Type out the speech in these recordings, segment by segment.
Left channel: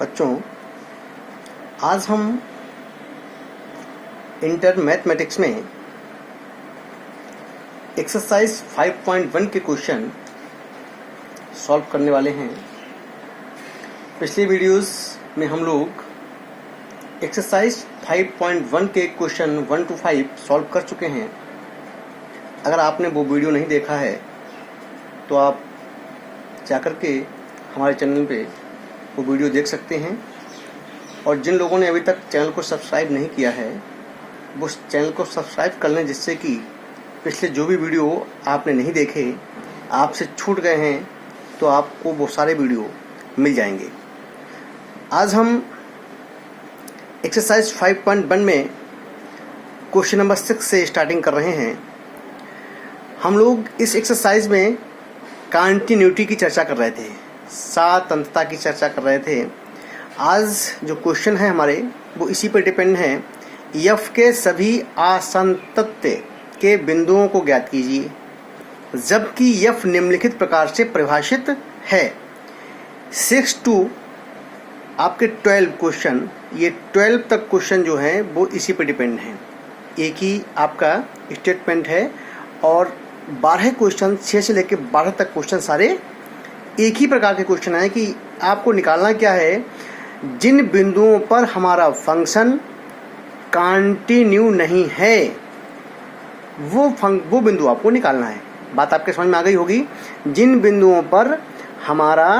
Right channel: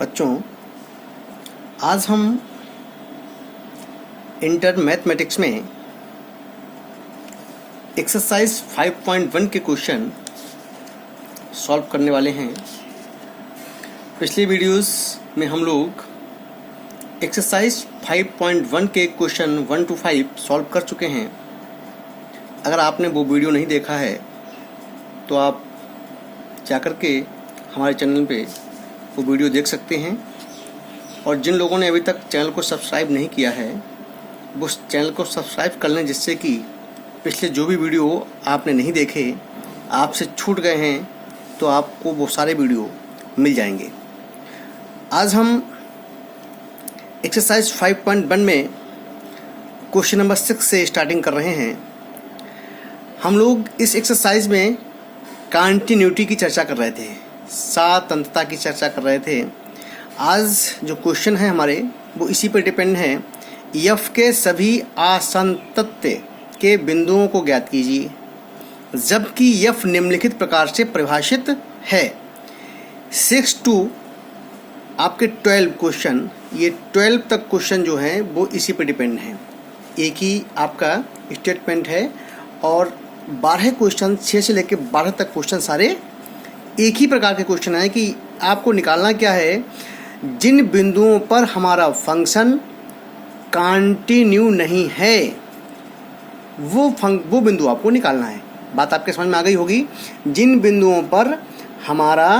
बच्चों, आज हम इंटर मैथमेटिक्स में एक्सरसाइज 5.1 के क्वेश्चन सॉल्व करने वाले हैं। पिछले वीडियोस में हम लोग एक्सरसाइज 5.1 के क्वेश्चन 1 to 5 सॉल्व कर चुके हैं। अगर आपने वो वीडियो नहीं देखा है तो आप जाकर के हमारे चैनल पे वो वीडियो देख सकते हैं। और जिन लोगों ने अभी तक चैनल को सब्सक्राइब नहीं किया है वो चैनल को सब्सक्राइब कर लें, जिससे कि पिछले जो भी वीडियो आपने नहीं देखे, आपसे छूट गए हैं, तो आपको वो सारे वीडियो मिल जाएंगे। आज हम एक्सरसाइज 5.1 में क्वेश्चन नंबर 6 से स्टार्टिंग कर रहे हैं। हम लोग इस एक्सरसाइज में कंटिन्यूटी की चर्चा कर रहे थे, सातंतता की चर्चा कर रहे थे। आज जो क्वेश्चन है हमारे वो इसी पर डिपेंड है। एफ के सभी असंतत्य के बिंदुओं को ज्ञात कीजिए जबकि एफ निम्नलिखित प्रकार से परिभाषित है। 6 to आपके 12 क्वेश्चन, ये 12 तक क्वेश्चन जो है वो इसी पर डिपेंड है। एक ही आपका स्टेटमेंट है और 12 क्वेश्चन, 6 से लेकर 12 तक क्वेश्चन सारे एक ही प्रकार के क्वेश्चन है कि आपको निकालना क्या है, जिन बिंदुओं पर हमारा फंक्शन कंटिन्यू नहीं है वो बिंदु आपको निकालना है। बात आपके समझ में आ गई होगी। जिन बिंदुओं पर हमारा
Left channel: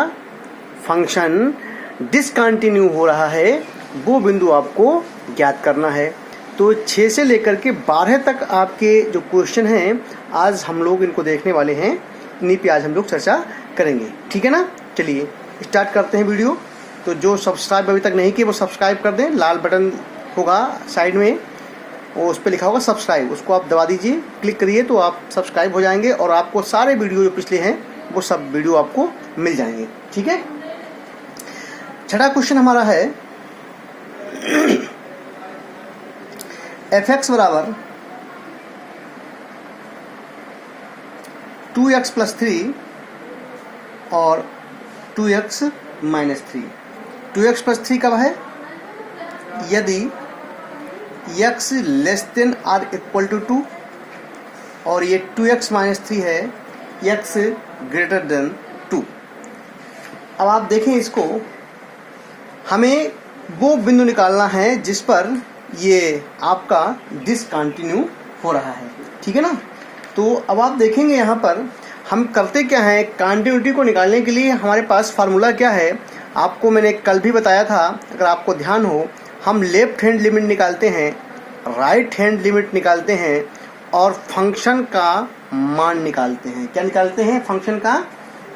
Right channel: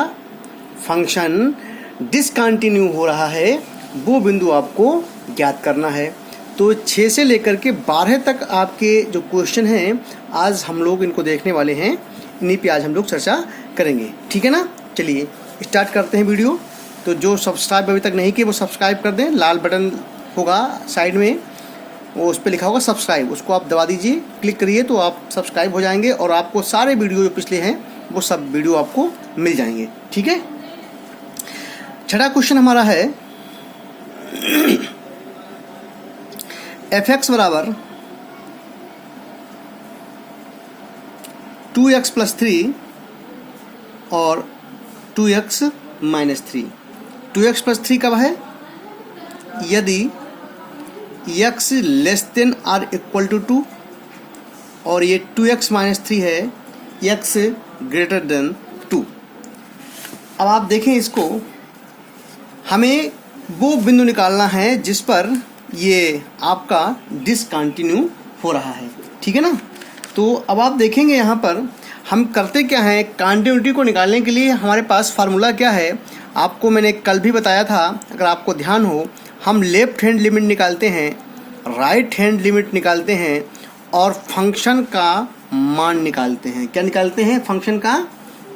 फंक्शन डिसकंटिन्यू हो रहा है वो बिंदु आपको ज्ञात करना है। तो 6 से लेकर के 12 तक आपके जो क्वेश्चन हैं आज हम लोग इनको देखने वाले हैं। इन्हीं पे आज हम लोग चर्चा करेंगे, ठीक है ना। चलिए स्टार्ट करते हैं वीडियो। तो जो सब्सक्राइब अभी तक नहीं किए वो सब्सक्राइब कर दें। लाल बटन होगा साइड में, वो उस पर लिखा होगा सब्सक्राइब, उसको आप दबा दीजिए, क्लिक करिए तो आप सब्सक्राइब हो जाएंगे और आपको सारे वीडियो जो पिछले हैं वो सब वीडियो आपको मिल जाएंगे, ठीक है। छठा क्वेश्चन हमारा है f(x) बराबर 2x + 3 और 2x - 3। 2x + 3 कब है? यदि x < ≤ 2 और ये 2x - 3 है x > 2। अब आप देखें इसको, हमें वो बिंदु निकालना है जिस पर ये आपका डिसकंटिन्यू हो रहा है, ठीक है ना। तो अब आप देखेंगे यहाँ पर हम करते क्या है, कंटिन्यूटी को निकालने के लिए हमारे पास फार्मूला क्या है, आपको मैंने कल भी बताया था। अगर आपको ध्यान हो, हम लेफ्ट हैंड लिमिट निकालते हैं, राइट हैंड लिमिट निकालते हैं और फंक्शन का मान निकालते हैं। क्या निकालते हैं? फंक्शन का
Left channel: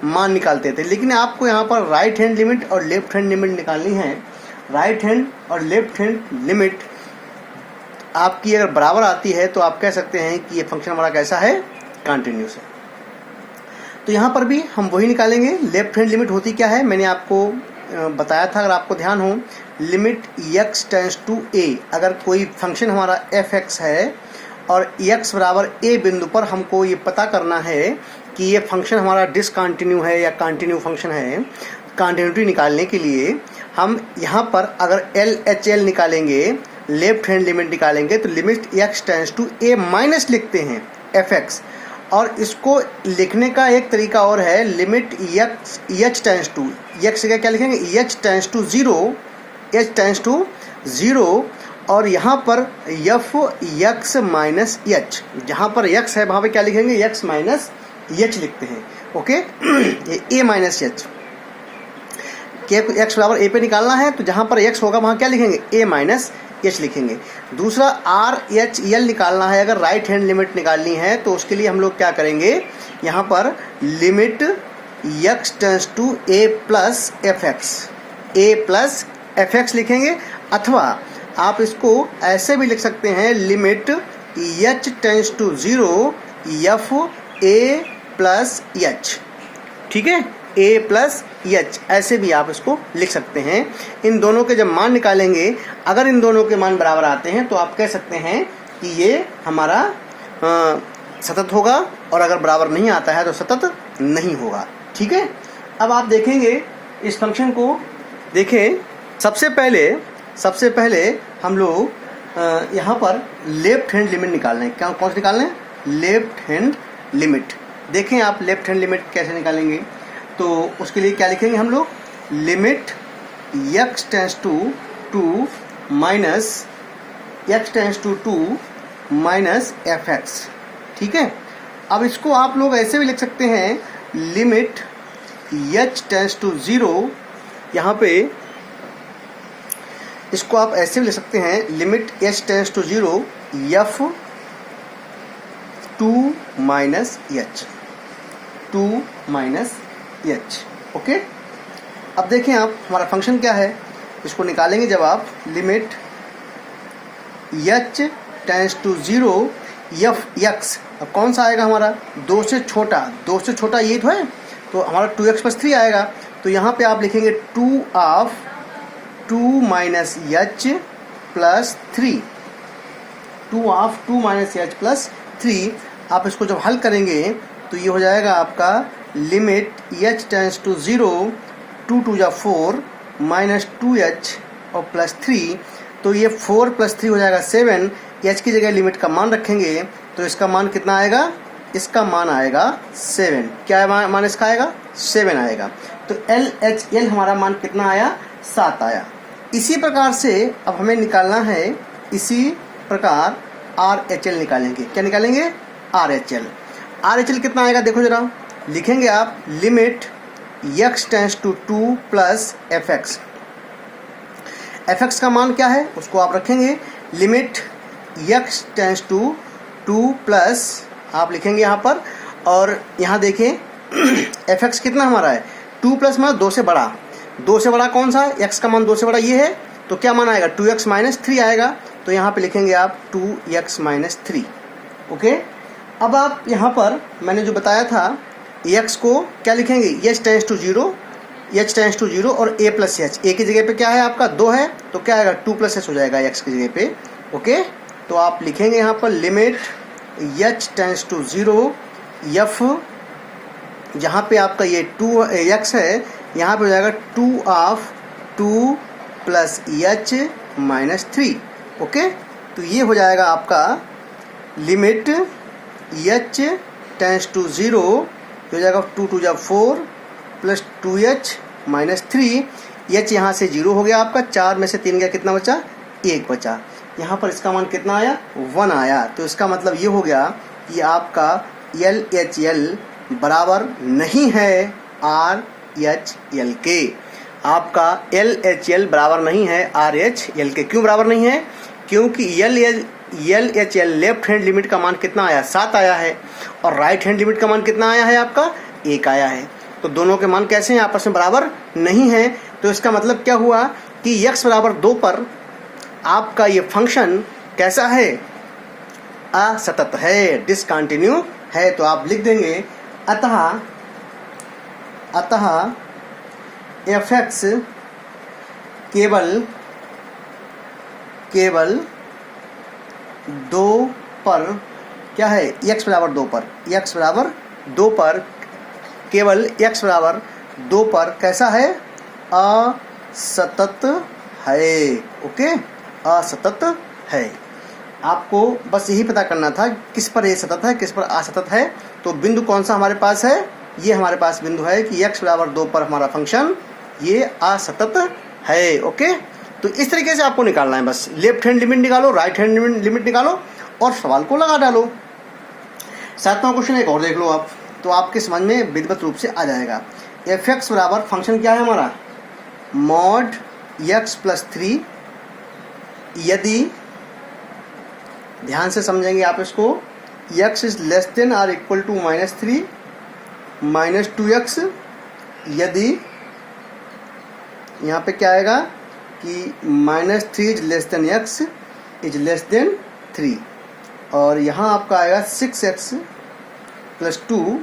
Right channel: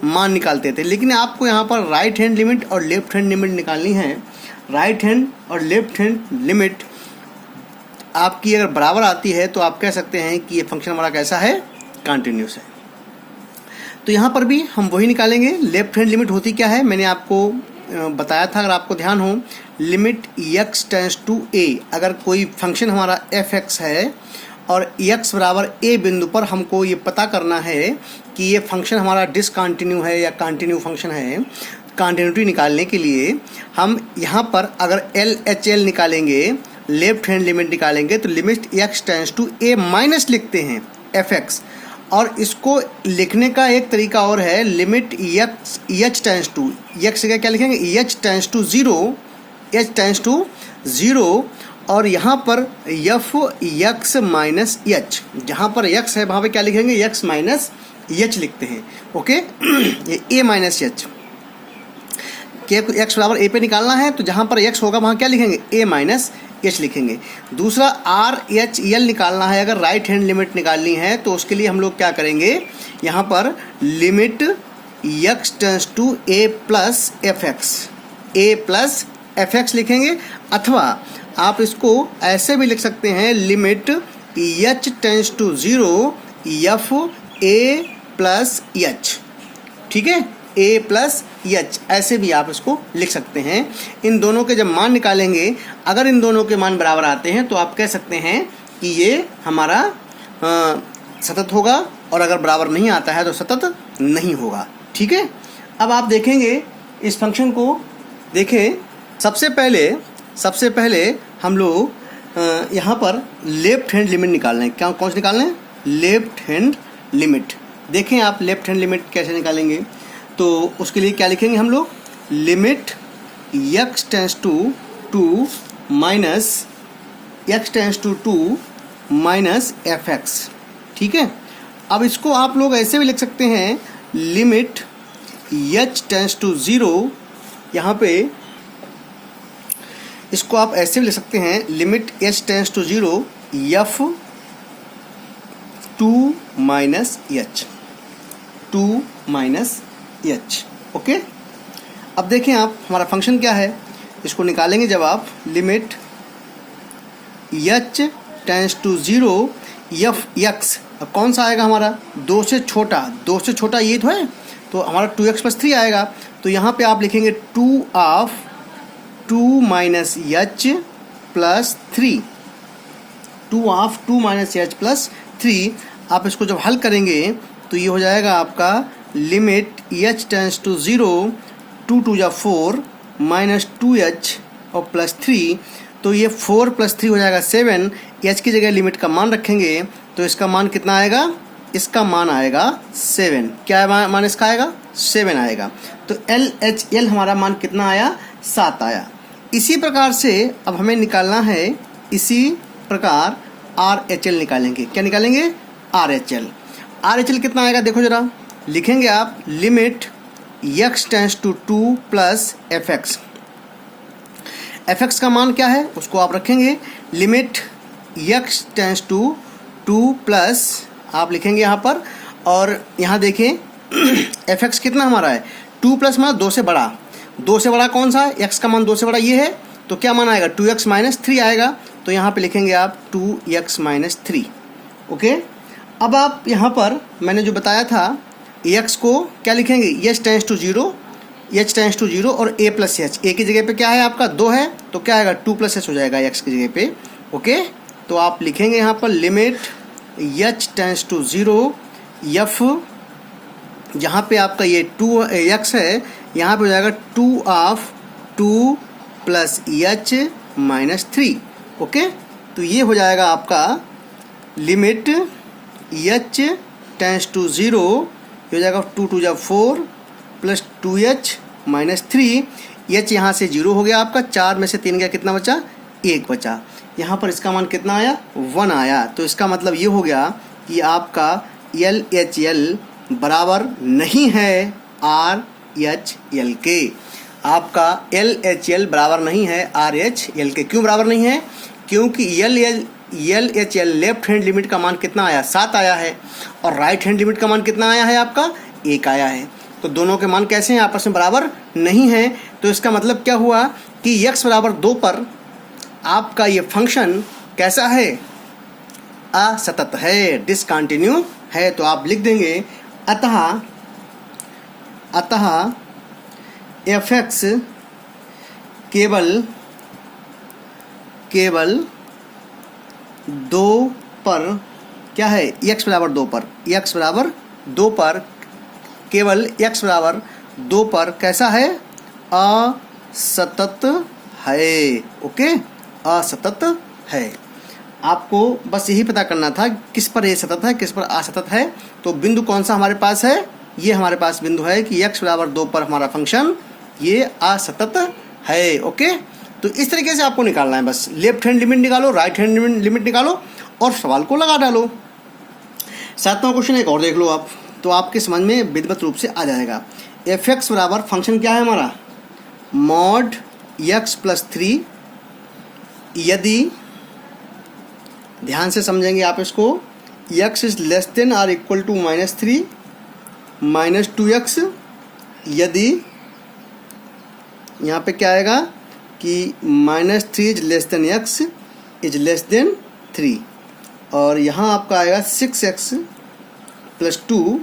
मान निकालते थे। लेकिन आपको यहाँ पर राइट हैंड लिमिट और लेफ्ट हैंड लिमिट निकालनी है। राइट हैंड और लेफ्ट हैंड लिमिट आपकी अगर बराबर आती है तो आप कह सकते हैं कि ये फंक्शन हमारा कैसा है, कंटिन्यूस है। तो यहाँ पर भी हम वही निकालेंगे। लेफ्ट हैंड लिमिट होती क्या है, मैंने आपको बताया था, अगर आपको ध्यान हो, लिमिट x → a। अगर कोई फंक्शन हमारा f(x) है और x बराबर a बिंदु पर हमको ये पता करना है कि ये फंक्शन हमारा डिसकंटिन्यू है या कंटिन्यू फंक्शन है। कंटिन्यूटी निकालने के लिए हम यहाँ पर अगर LHL निकालेंगे, लेफ्ट हैंड लिमिट निकालेंगे, तो लिमिट x → a- लिखते हैं f(x). और इसको लिखने का एक तरीका और है, लिमिट h → x क्या लिखेंगे, h → 0, h → 0। और यहाँ पर f(x - h), जहाँ पर x है वहाँ पे क्या लिखेंगे, x - h लिखते हैं, ओके। ये a - h क्या x बराबर a पे निकालना है, तो जहाँ पर x होगा वहाँ क्या लिखेंगे, a - h लिखेंगे। दूसरा RHL निकालना है, अगर राइट हैंड लिमिट निकालनी है तो उसके लिए हम लोग क्या करेंगे, यहाँ पर limit x → a + fx, a + fx लिखेंगे। अथवा आप इसको ऐसे भी लिख सकते हैं, limit h → 0 f a + h, ठीक है, a + h, ऐसे भी आप इसको लिख सकते हैं। इन दोनों के जब मान निकालेंगे, अगर इन दोनों के मान बराबर आते हैं तो आप कह सकते हैं कि ये हमारा सतत होगा, और अगर बराबर नहीं आता है तो सतत नहीं होगा, ठीक है। अब आप देखेंगे इस फंक्शन को, देखें सबसे पहले हम लोग यहाँ पर लेफ्ट हैंड लिमिट निकालना है। क्या कौन से निकालना है? Left hand limit. देखें आप लेफ्ट हैंड लिमिट कैसे निकालेंगे। तो उसके लिए क्या लिखेंगे हम लोग? Limit x tends to 2 minus x tends to 2 minus fx। ठीक है, अब इसको आप लोग ऐसे भी लिख सकते हैं, लिमिट h टेंस टू 0। यहाँ पे इसको आप ऐसे भी लिख सकते हैं, limit h tends to 0 f 2 minus h, 2 minus h। Okay, अब देखें आप हमारा फंक्शन क्या है, इसको निकालेंगे जब आप limit h tends to 0 f x। अब कौन सा आएगा हमारा? 2 से छोटा ये तो है, तो हमारा 2x प्लस 3 आएगा। तो यहाँ पे आप लिखेंगे 2 of 2 minus h plus 3, 2 of 2 minus h plus 3। आप इसको जब हल करेंगे तो ये हो जाएगा आपका लिमिट h टेंस टू 0 2 2 जा 4 माइनस 2h और प्लस 3। तो ये 4 प्लस 3 हो जाएगा 7। h की जगह लिमिट का मान रखेंगे तो इसका मान कितना आएगा? इसका मान आएगा 7। क्या मान इसका आएगा? 7 आएगा। तो LHL हमारा मान कितना आया? 7 आया। इसी प्रकार से अब हमें निकालना है, इसी प्रकार RHL निकालेंगे। क्या निकालेंगे? RHL कितना आएगा देखो जरा, लिखेंगे आप limit x tends to 2 plus fx का मान क्या है उसको आप रखेंगे, limit x tends to 2 plus आप लिखेंगे यहाँ पर, और यहाँ देखें fx कितना हमारा है? 2 प्लस मतलब 2 से बड़ा। 2 से बड़ा कौन सा है? x का मान 2 से बड़ा ये है, तो क्या मान आएगा? 2x माइनस 3 आएगा। तो यहाँ पे लिखेंगे आप 2x माइनस 3। ओके, अब आप यहाँ पर मैंने जो बताया था x को क्या लिखेंगे? h टेंस टू 0 और a प्लस h। a की जगह पे क्या है आपका? 2 है, तो क्या आएगा? 2 प्लस h हो जाएगा x की जगह पे। ओके, तो आप लिखेंगे यहाँ पर limit h tends to 0 f, जहाँ पे आपका ये 2x है, यहाँ पे हो जाएगा 2 of 2 plus h minus 3। Okay, तो ये हो जाएगा आपका लिमिट h टेंस टू 0 हो जाएगा 2 2 जा 4 प्लस 2h माइनस 3। h यहाँ से 0 हो गया आपका, 4 में से 3 गया, कितना बचा? 1 बचा। यहाँ पर इसका मान कितना आया? 1 आया। तो इसका मतलब ये हो गया कि आपका LHL बराबर नहीं है RHL के। आपका LHL बराबर नहीं है RHL के। क्यों बराबर नहीं है? क्योंकि LHL लेफ्ट हैंड लिमिट का मान कितना आया? 7 आया है, और राइट हैंड लिमिट का मान कितना आया है आपका? 1 आया है। तो दोनों के मान कैसे हैं? आपस में बराबर नहीं है। तो इसका मतलब क्या हुआ कि x बराबर 2 पर आपका ये फंक्शन कैसा है? असतत है, डिसकंटिन्यू है। तो आप लिख देंगे अतः fx केवल 2 पर क्या है? x बराबर 2 पर केवल x बराबर 2 पर कैसा है? असतत है। ओके, असतत है। आपको बस यही पता करना था किस पर ये सतत है, किस पर असतत है। तो बिंदु कौन सा हमारे पास है? ये हमारे पास बिंदु है कि x बराबर 2 पर हमारा फंक्शन ये असतत है। ओके, तो इस तरीके से आपको निकालना है। बस लेफ्ट हैंड लिमिट निकालो, राइट हैंड लिमिट निकालो और सवाल को लगा डालो। 7वां क्वेश्चन एक और देख लो आप, तो आपके समझ में विधिवत रूप से आ जाएगा। fx बराबर फंक्शन क्या है हमारा? Mod x plus 3। यदि ध्यान से समझेंगे आप इसको, x इज लेस देन और equal to minus 3 minus 2x। यदि यहाँ पे क्या आएगा कि minus 3 is less than x is less than 3, और यहाँ आपका आएगा 6x प्लस 2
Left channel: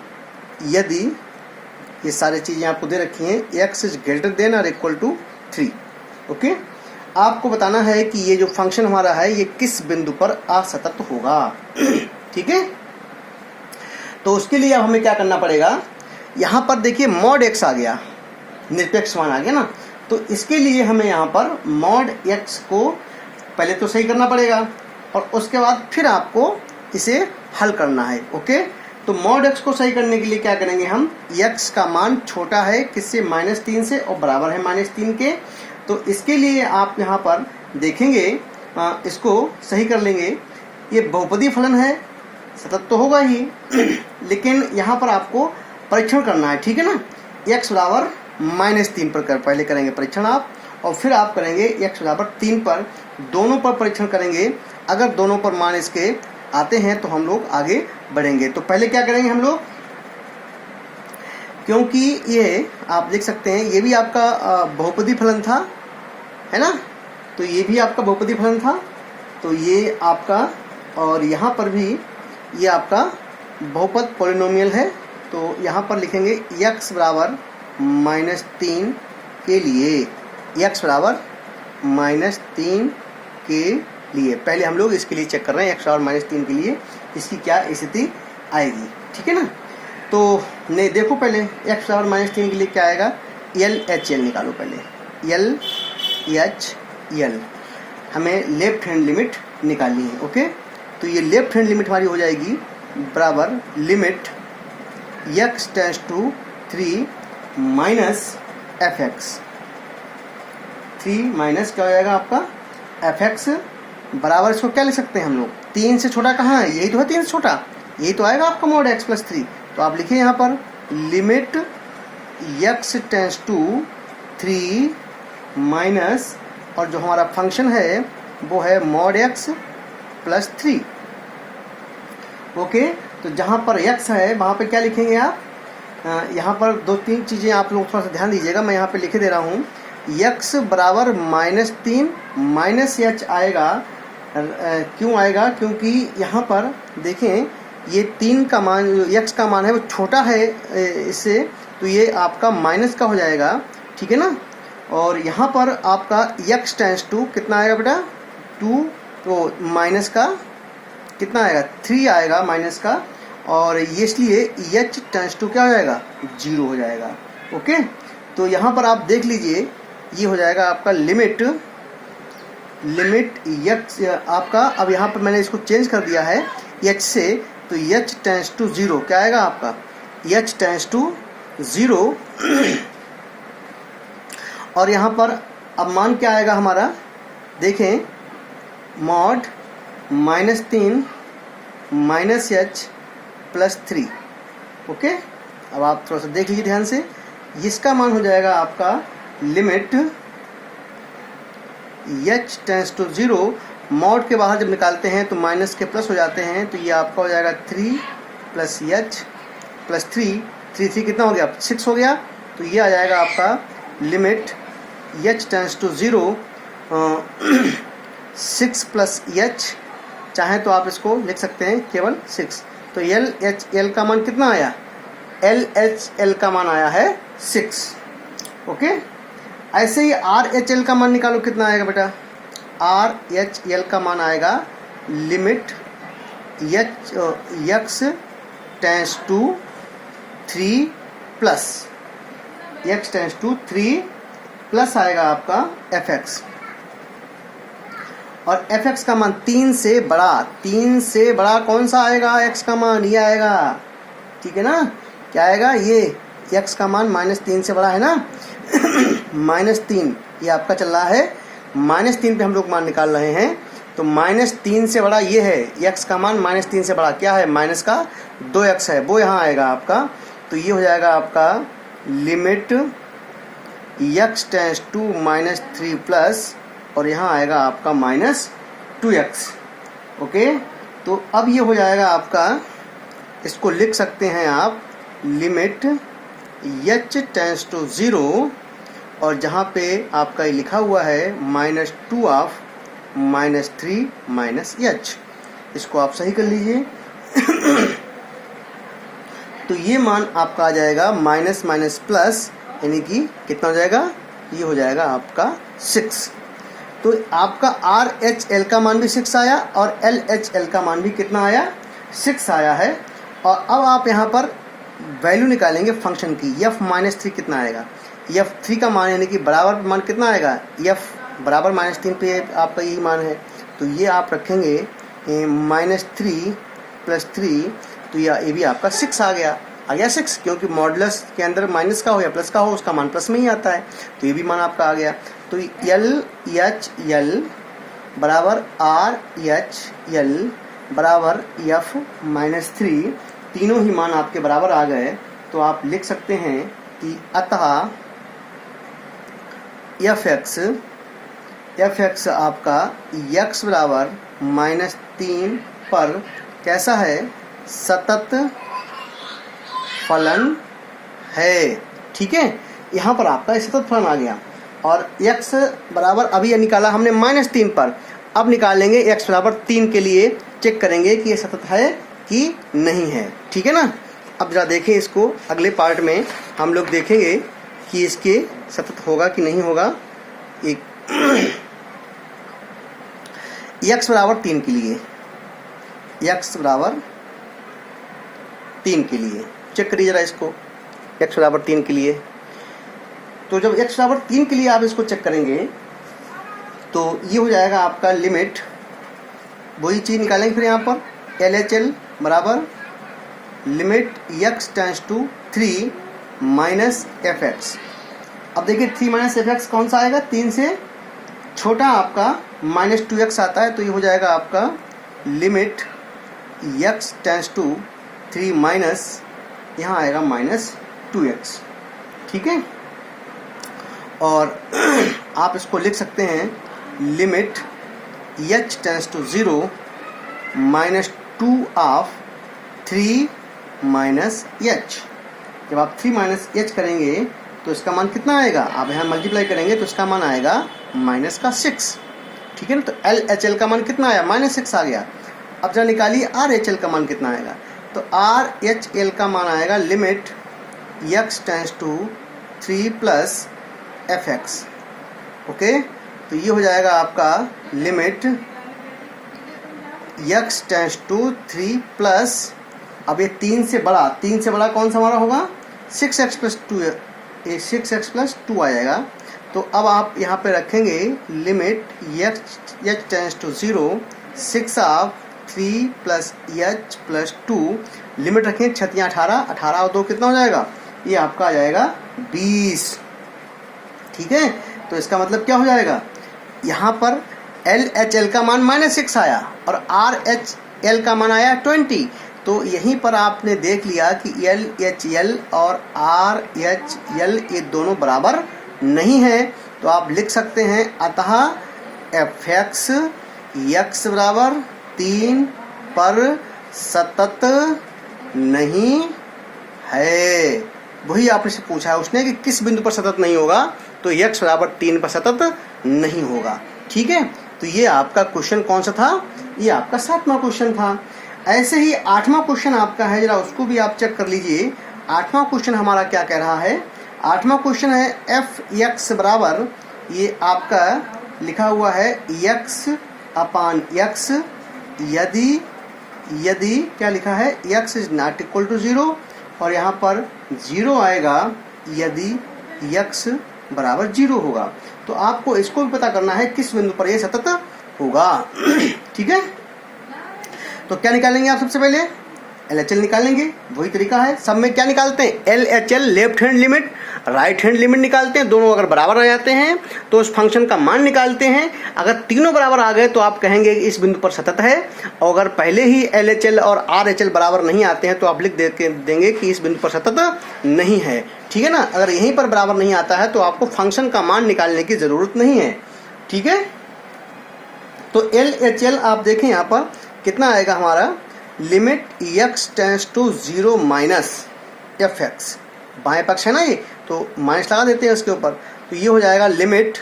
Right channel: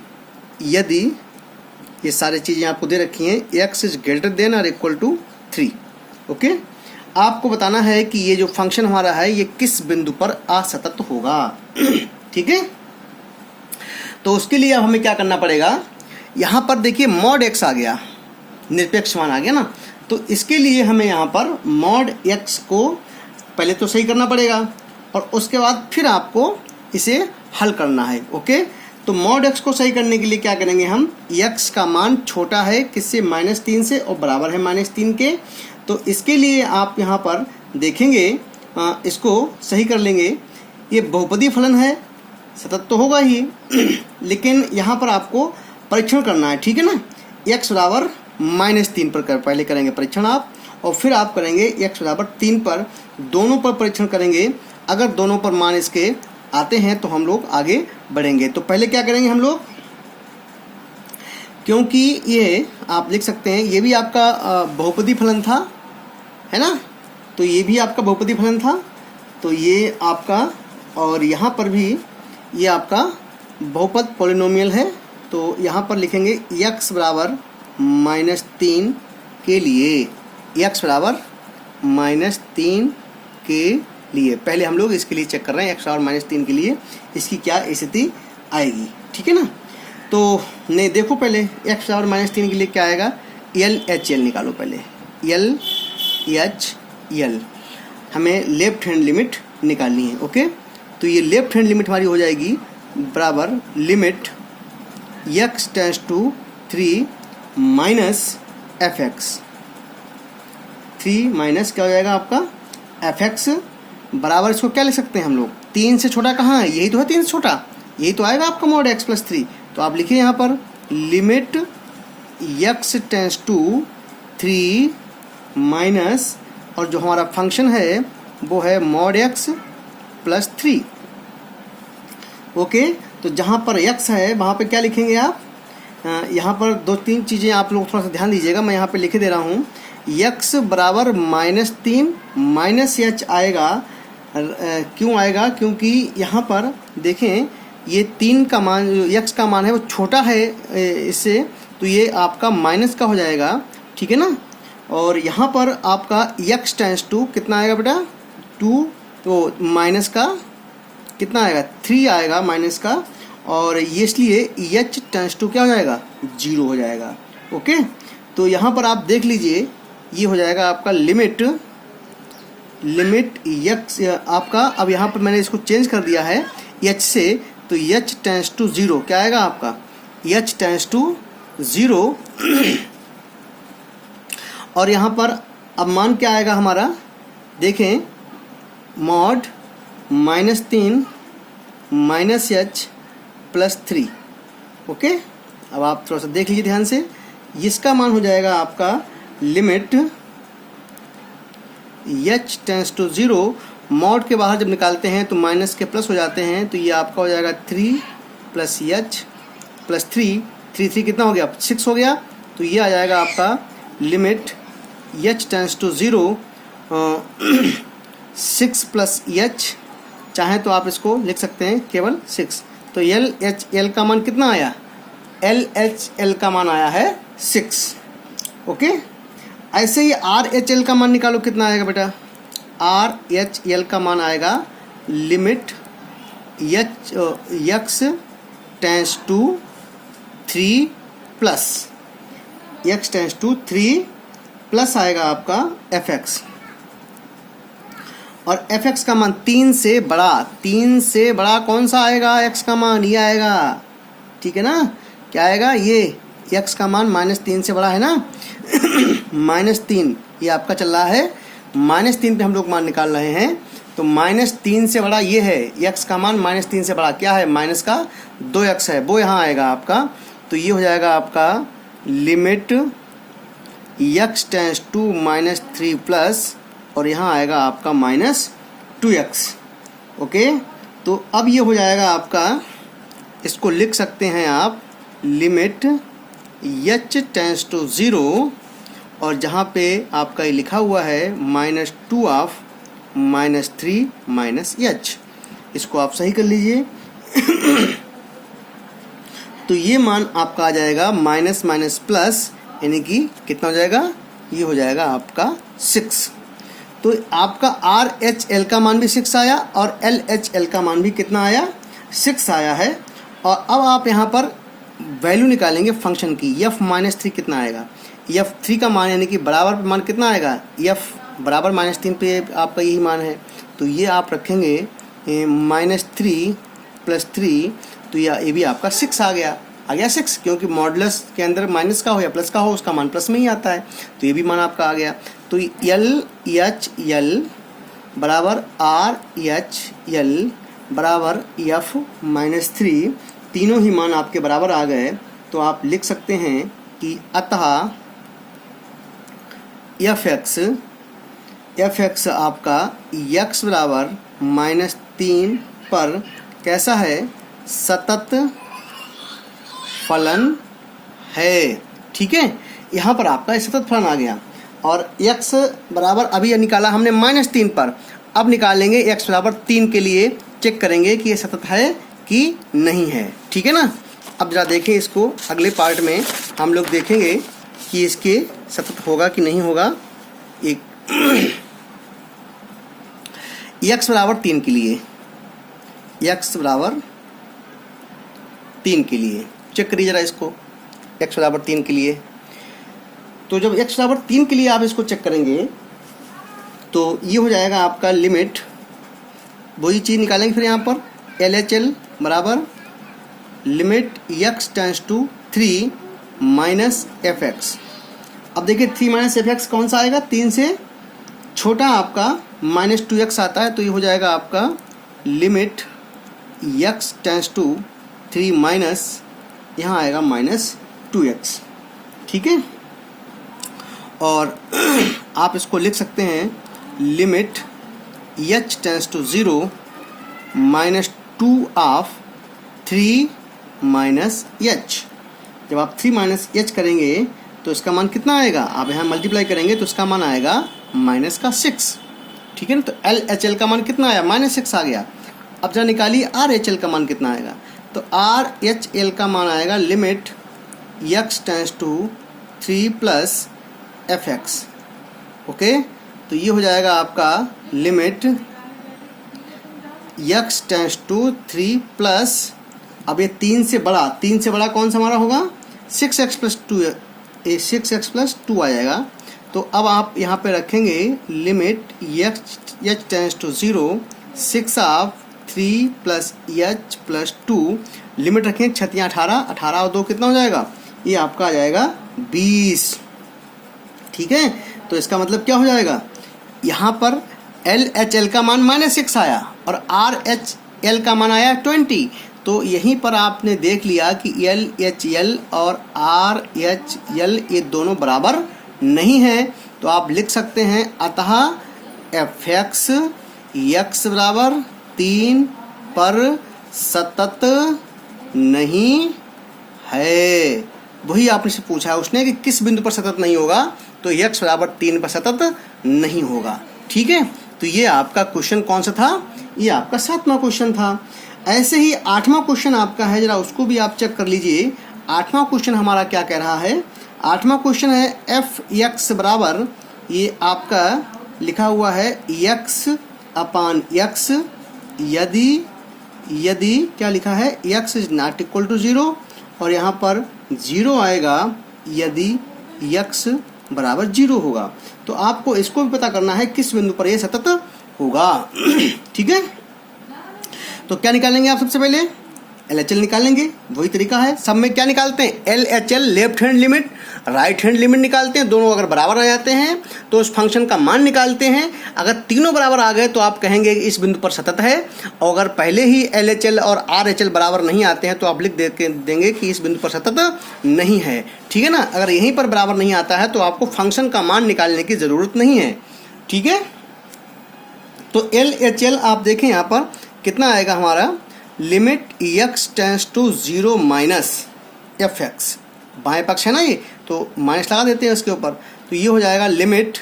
यदि ये सारी चीज़ें आपको दे रखी हैं x इज ग्रेटर देन और इक्वल टू 3। ओके, आपको बताना है कि ये जो फंक्शन हमारा है ये किस बिंदु पर असतत होगा। ठीक है, तो उसके लिए अब हमें क्या करना पड़ेगा? यहाँ पर देखिए मॉड x आ गया, निरपेक्ष मान आ गया ना। तो इसके लिए हमें यहाँ पर मॉड x को पहले तो सही करना पड़ेगा और उसके बाद फिर आपको इसे हल करना है। ओके, तो मॉड x को सही करने के लिए क्या करेंगे हम, x का मान छोटा है किससे, -3 से, और बराबर है -3 के। तो इसके लिए आप यहाँ पर देखेंगे, इसको सही कर लेंगे। ये बहुपदी फलन है, सतत तो होगा ही लेकिन यहाँ पर आपको परीक्षण करना है, ठीक है ना। x बराबर -3 पर पहले करेंगे परीक्षण आप, और फिर आप करेंगे x बराबर 3 पर, दोनों पर परीक्षण करेंगे। अगर दोनों पर मान इसके आते हैं तो हम लोग आगे बढ़ेंगे। तो पहले क्या करेंगे हम लोग, क्योंकि ये आप लिख सकते हैं ये भी आपका बहुपदी फलन था, है ना, तो ये भी आपका बहुपदी फलन था, तो ये आपका, और यहाँ पर भी ये आपका बहुपद पॉलिनोमियल है। तो यहाँ पर लिखेंगे x बराबर -3 के लिए, x बराबर -3 के लिए, पहले हम लोग इसके लिए चेक कर रहे हैं x बराबर -3 के लिए इसकी क्या स्थिति आएगी, ठीक है ना। तो नहीं, देखो पहले x बराबर -3 के लिए क्या आएगा, LHL निकालो पहले, LHL हमें लेफ्ट हैंड लिमिट निकालनी है। ओके, तो ये लेफ्ट हैंड लिमिट हमारी हो जाएगी बराबर limit x tends to 3 minus fx, 3 minus क्या हो जाएगा आपका fx, बराबर इसको क्या लिख सकते हैं हम लोग, 3 से छोटा कहाँ है, यही तो है 3 से छोटा, यही तो आएगा आपका मॉड x + 3। तो आप लिखिए यहाँ पर limit x tends to 3 minus, और जो हमारा फंक्शन है वो है मॉड x + 3। ओके, तो जहाँ पर x है वहाँ पे क्या लिखेंगे आप, यहाँ पर 2-3 चीज़ें आप लोग थोड़ा सा ध्यान दीजिएगा, मैं यहाँ पे लिख दे रहा हूँ। x बराबर -3 माइनस h आएगा, क्यों आएगा, क्योंकि यहाँ पर देखें ये 3 का मान, जो x का मान है वो छोटा है इससे, तो ये आपका माइनस का हो जाएगा, ठीक है ना। और यहाँ पर आपका x टेंड्स टू कितना आएगा बेटा, 2, तो माइनस का कितना आएगा, 3 आएगा माइनस का, और ये इसलिए h टेंड्स टू क्या हो जाएगा, 0 हो जाएगा। ओके, तो यहाँ पर आप देख लीजिए ये हो जाएगा आपका लिमिट x आपका, अब यहाँ पर मैंने इसको चेंज कर दिया है h से, तो h टेंड्स टू 0 क्या आएगा आपका, h टेंड्स टू 0 और यहाँ पर अब मान क्या आएगा हमारा, देखें मॉड -3 माइनस h + 3। ओके, अब आप थोड़ा सा देख लीजिए ध्यान से, इसका मान हो जाएगा आपका limit h tends to 0, mod के बाहर जब निकालते हैं तो माइनस के प्लस हो जाते हैं, तो ये आपका हो जाएगा 3 + h + 3, 3 कितना हो गया, 6 हो गया। तो ये आ जाएगा आपका limit h tends to 0 6 + h, चाहे तो आप इसको लिख सकते हैं केवल 6। तो LHL का मान कितना आया, LHL का मान आया है 6। ओके, ऐसे ही RHL का मान निकालो, कितना आएगा बेटा, RHL का मान आएगा limit x tends to 3 plus, x tends to 3 plus आएगा आपका fx, और fx का मान 3 से बड़ा, 3 से बड़ा कौन सा आएगा, x का मान ये आएगा, ठीक है ना, क्या आएगा, ये x का मान -3 से बड़ा है ना -3 ये आपका चल रहा है, -3 पे हम लोग मान निकाल रहे हैं, तो -3 से बड़ा ये है, x का मान -3 से बड़ा क्या है, माइनस का 2x है, वो यहाँ आएगा आपका। तो ये हो जाएगा आपका limit x tends to -3 plus, और यहाँ आएगा आपका -2x। ओके, तो अब ये हो जाएगा आपका, इसको लिख सकते हैं आप लिमिट h टेंड्स टू 0, और जहाँ पे आपका ये लिखा हुआ है -2 ऑफ -3 -h, इसको आप सही कर लीजिए तो ये मान आपका आ जाएगा माइनस माइनस प्लस, यानी कि कितना हो जाएगा, ये हो जाएगा आपका 6। तो आपका RHL का मान भी 6 आया और LHL का मान भी कितना आया, 6 आया है। और अब आप यहाँ पर वैल्यू निकालेंगे फंक्शन की, f -3 कितना आएगा, f3 का मान यानी कि बराबर मान कितना आएगा, f बराबर -3 पे आपका यही मान है, तो ये आप रखेंगे -3 + 3, तो ये भी आपका 6 आ गया 6, क्योंकि मॉडुलस के अंदर माइनस का हो या प्लस का हो उसका मान प्लस में ही आता है, तो ये भी मान आपका आ गया। तो LHL बराबर RHL बराबर f-3, तीनों ही मान आपके बराबर आ गए, तो आप लिख सकते हैं कि अतः fx आपका x बराबर -3 पर कैसा है, सतत फलन है। ठीक है, यहाँ पर आपका सतत फलन आ गया। और x बराबर अभी निकाला हमने -3 पर, अब निकालेंगे x बराबर 3 के लिए, चेक करेंगे कि ये सतत है कि नहीं है। ठीक है ना। अब जरा देखें इसको, अगले पार्ट में हम लोग देखेंगे कि इसके सतत होगा कि नहीं होगा। एक x बराबर 3 के लिए, x बराबर 3 के लिए चेक करिए जरा इसको, x बराबर 3 के लिए। तो जब x बराबर 3 के लिए आप इसको चेक करेंगे तो ये हो जाएगा आपका लिमिट, वही चीज़ निकालेंगे फिर यहाँ पर LHL बराबर limit x tends to 3 minus fx। अब देखिए 3 - fx कौन सा आएगा, 3 से छोटा आपका -2x आता है, तो ये हो जाएगा आपका limit x tends to 3 minus, यहाँ आएगा -2x। ठीक है, और आप इसको लिख सकते हैं limit h tends to 0 -2 of 3 minus h। जब आप 3 - h करेंगे तो इसका मान कितना आएगा, आप यहाँ मल्टीप्लाई करेंगे तो इसका मान आएगा -6। ठीक है ना। तो LHL का मान कितना आया, -6 आ गया। अब जरा निकालिए RHL का मान कितना आएगा, तो RHL का मान आएगा limit x tends to 3 plus fx। Okay, तो ये हो जाएगा आपका limit x tends to 3 plus, अब ये 3 से बड़ा कौन सा हमारा होगा, 6x + 2 आ जाएगा। तो अब आप यहाँ पे रखेंगे limit h tends to 0 6 of 3 plus h plus 2, limit रखेंगे 6 × 18, 18 और 2 कितना हो जाएगा, ये आपका आ जाएगा 20। ठीक है, तो इसका मतलब क्या हो जाएगा, यहाँ पर LHL का मान -6 आया और RHL का मान आया 20, तो यहीं पर आपने देख लिया कि LHL और RHL ये दोनों बराबर नहीं है। तो आप लिख सकते हैं अतः fx x बराबर 3 पर सतत नहीं है। वही आपने से पूछा है उसने कि किस बिंदु पर सतत नहीं होगा, तो x बराबर 3 पर सतत नहीं होगा। ठीक है, तो ये आपका क्वेश्चन कौन सा था, ये आपका 7वां क्वेश्चन था। ऐसे ही 8वां क्वेश्चन आपका है, जरा उसको भी आप चेक कर लीजिए। 8वां क्वेश्चन हमारा क्या कह रहा है, 8वां क्वेश्चन है fx बराबर, ये आपका लिखा हुआ है x/x यदि क्या लिखा है, x is not equal to 0, और यहाँ पर 0 आएगा यदि x बराबर 0 होगा। तो आपको इसको भी पता करना है किस बिंदु पर यह सतत होगा। ठीक है, तो क्या निकालेंगे आप, सबसे पहले LHL निकालेंगे, वही तरीका है। सब में क्या निकालते हैं, LHL left hand limit, right hand limit निकालते हैं, दोनों अगर बराबर आ जाते हैं तो उस फंक्शन का मान निकालते हैं। अगर तीनों बराबर आ गए तो आप कहेंगे इस बिंदु पर सतत है, और अगर पहले ही LHL और RHL बराबर नहीं आते हैं तो आप लिख देंगे कि इस बिंदु पर सतत नहीं है। ठीक है ना। अगर यहीं पर बराबर नहीं आता है तो आपको फंक्शन का मान निकालने की ज़रूरत नहीं है। ठीक है, तो LHL आप देखें यहाँ पर कितना आएगा हमारा, limit x tends to 0 minus fx, बाएं पक्ष है ना ये, तो माइनस लगा देते हैं उसके ऊपर, तो ये हो जाएगा limit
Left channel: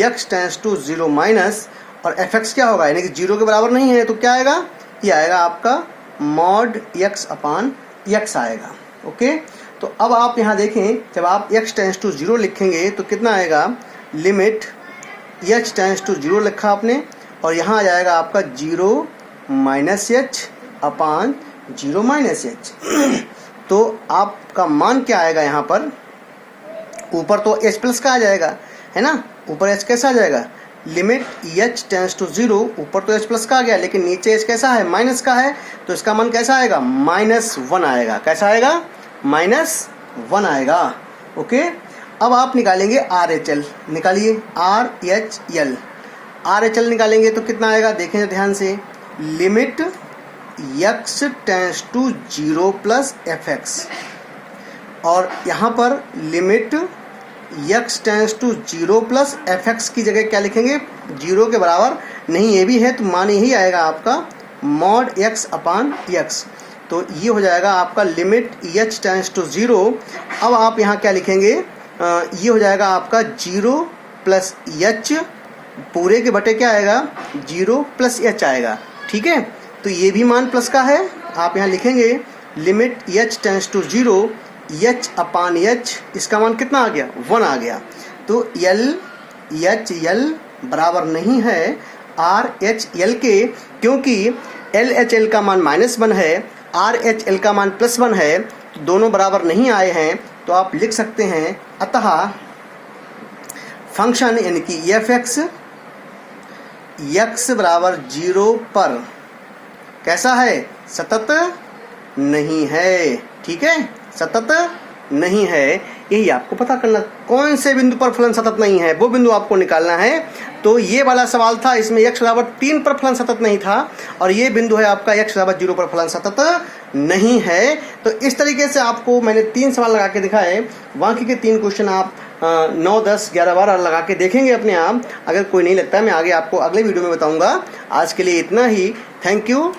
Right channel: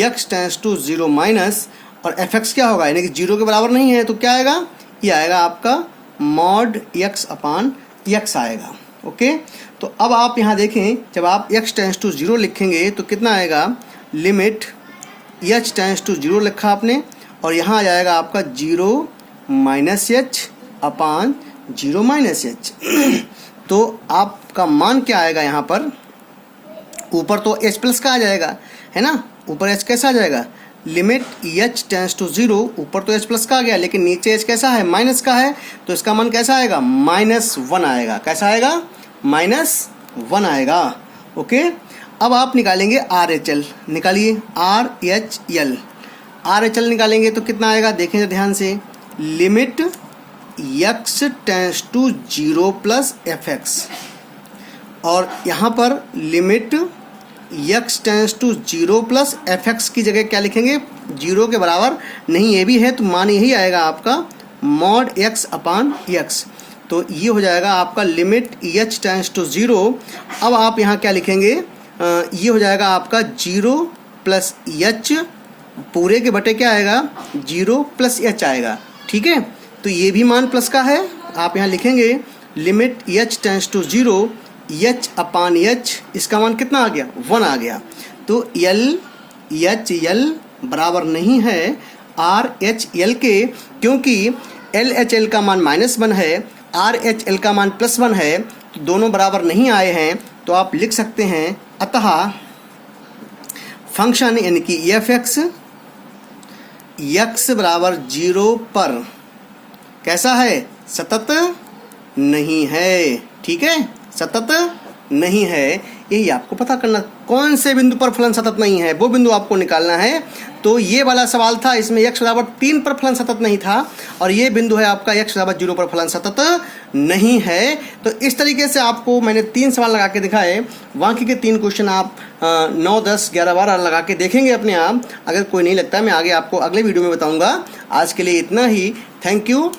x tends to 0 minus, और fx क्या होगा, यानी कि 0 के बराबर नहीं है, तो क्या आएगा, ये आएगा आपका मॉड x/x आएगा। ओके, तो अब आप यहाँ देखें, जब आप x टेंड्स टू 0 लिखेंगे तो कितना आएगा, लिमिट h टेंड्स टू 0 लिखा आपने, और यहाँ आ जाएगा आपका 0 माइनस h/0 माइनस h। तो आपका मान क्या आएगा यहाँ पर, ऊपर तो h प्लस का आ जाएगा, है ना, ऊपर h कैसा आ जाएगा, लिमिट h टेंस टू 0, ऊपर तो h प्लस का आ गया लेकिन नीचे h कैसा है, माइनस का है, तो इसका मान कैसा आएगा, -1 आएगा। कैसा आएगा, -1 आएगा। ओके, अब आप निकालेंगे RHL, निकालिए RHL निकालेंगे तो कितना आएगा, देखें ध्यान से, limit x tends to 0 plus fx, और यहाँ पर limit x tends to 0 plus fx की जगह क्या लिखेंगे, 0 के बराबर नहीं ये भी है तो मान यही आएगा आपका मॉड x अपान x, तो ये हो जाएगा आपका लिमिट h टेंस टू 0। अब आप यहाँ क्या लिखेंगे, ये हो जाएगा आपका 0 प्लस h पूरे के बटे क्या आएगा, 0 प्लस h आएगा। ठीक है, तो ये भी मान प्लस का है, आप यहाँ लिखेंगे limit h tends to 0 h upon h, इसका मान कितना आ गया, 1 आ गया। तो LHL बराबर नहीं है RHL के, क्योंकि LHL का मान -1 है, RHL का मान +1 है, तो दोनों बराबर नहीं आए हैं। तो आप लिख सकते हैं, अतः फंक्शन यानी कि f(x) x बराबर 0 पर कैसा है, सतत नहीं है। ठीक है, सतत नहीं है, यही आपको पता करना, कौन से बिंदु पर फलन सतत नहीं है वो बिंदु आपको निकालना है। तो ये वाला सवाल था, इसमें x बराबर 3 पर फलन सतत नहीं था, और ये बिंदु है आपका x बराबर 0 पर फलन सतत नहीं है। तो इस तरीके से आपको मैंने 3 सवाल लगा के दिखाए, बाकी के 3 क्वेश्चन आप 9, 10, 11 बार लगा के देखेंगे अपने आप। अगर कोई नहीं लगता मैं आगे आपको अगले वीडियो में बताऊंगा। आज के लिए इतना ही, थैंक यू।